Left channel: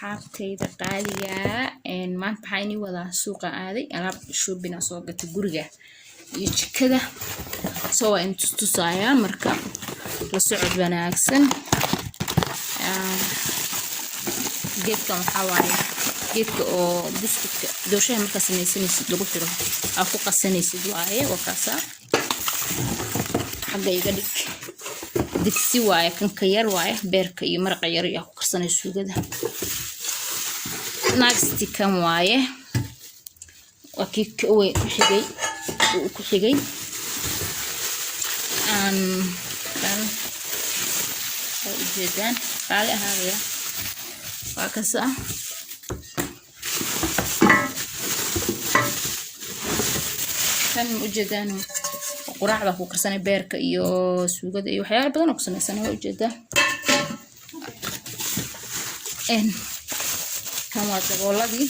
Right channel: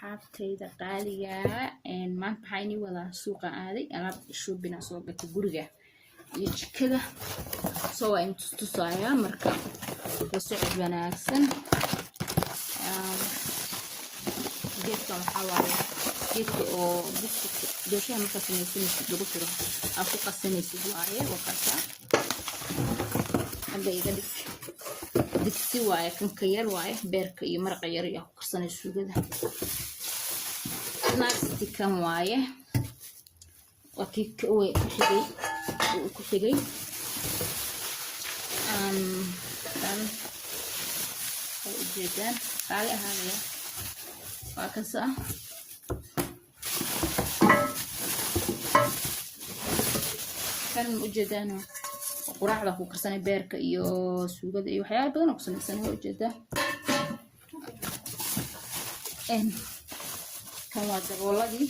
asxaabtayda qaaliga maanta waxaan wada suuqa aaday alaab shopping soo gatay guriga iyo jikada soo waan tusayaa marka la socod wanaagsan geedkan waxa waaye geedka oo biscuitka dooshaha marka samaysanaysid lagu xiro aa ku qasanaysid waaye wakaasa xagga iga dhig digsi waaye kan ka yar waaye beerka iyo maraqa yar iyo ku karsanay suugada next kan waaye wakii way ku xigay kan ujeedaan qaali ahaaya waa kasa kan ujeedaan quraacda ku karsanay beerka iyo suugada iyo waxyaabo badan oo ku samaysan waa ujeedaa kan waa dabooladii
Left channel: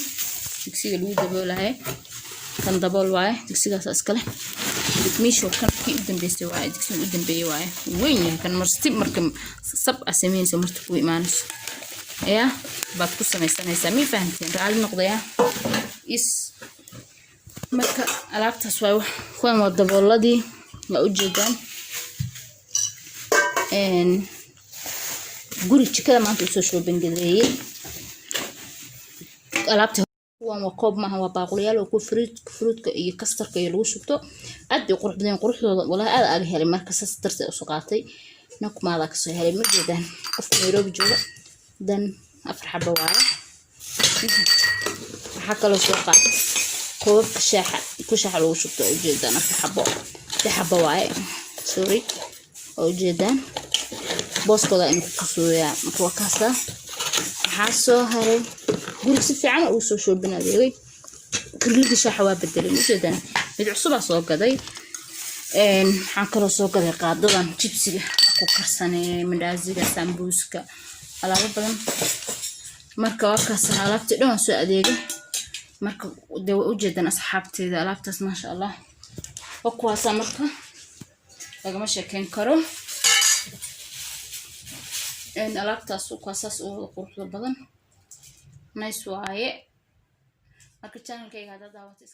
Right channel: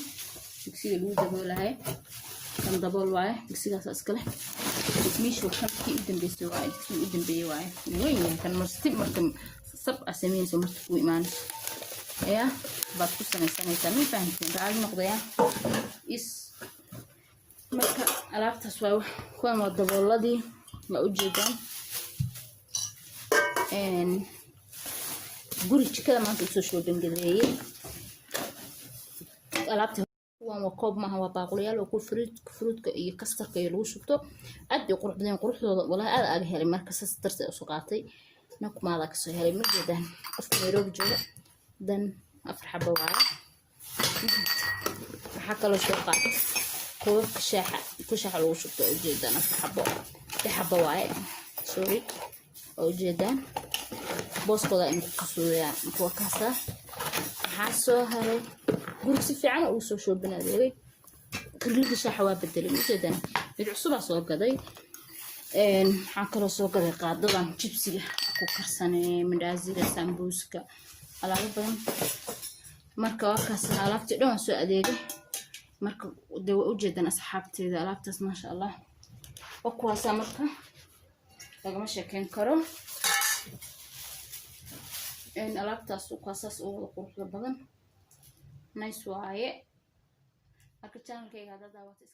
digsiga lagu daboolahay kan dabool waaye digsigaas iskale meesha kan kii u dambeysay waaye digsiga u dambeeyay waaye weyn yahay kan marka sab asameynayso marka ku imaanayso ayaa baad ku samaysanaysaa mi fahanteen raali noqdaya is marka alaabtaas waa kuwan waa dabooladii waa ujeedaan guri jikada maanta usoo shopping gadeeyay alaabta kuwan waa koob maaha waa baaqulyaal oo ku fruitka iyo kastarka iyo lagu shubto aad bay qurux badan quruxdooda wallahi aad aga helay marka saas darteed u soo qaatay nakumaada ka soo helay ma jeedaan qofka Nairobi jooga dan afar xabo waaye waxa kale soo qaatay koobka shaaxa lagu shubto ujeedaan afar xabo waaye sorry ujeedaan booskooda in ku kasooyaa kuwa kaasa waxaa soo haray guriga si fiican uu soo shoobin adeegay guriga shaaxa waa bedelay ujeedaan mid cusub soo gaday waxaan kale soo gaday qaadadan jibsiga ku karsanay mandaaziga sambuuska alaabo badan marka waa kaas alaabtii dhan soo adeegay marka dawaa ujeedaan asxaabteeda alaabtaas ma sha Allah oo kuwaas marka lagama sheekeyn karo alaabtaas kuwaas oo qurux badan nice waaye marka channelkayga hada daawatay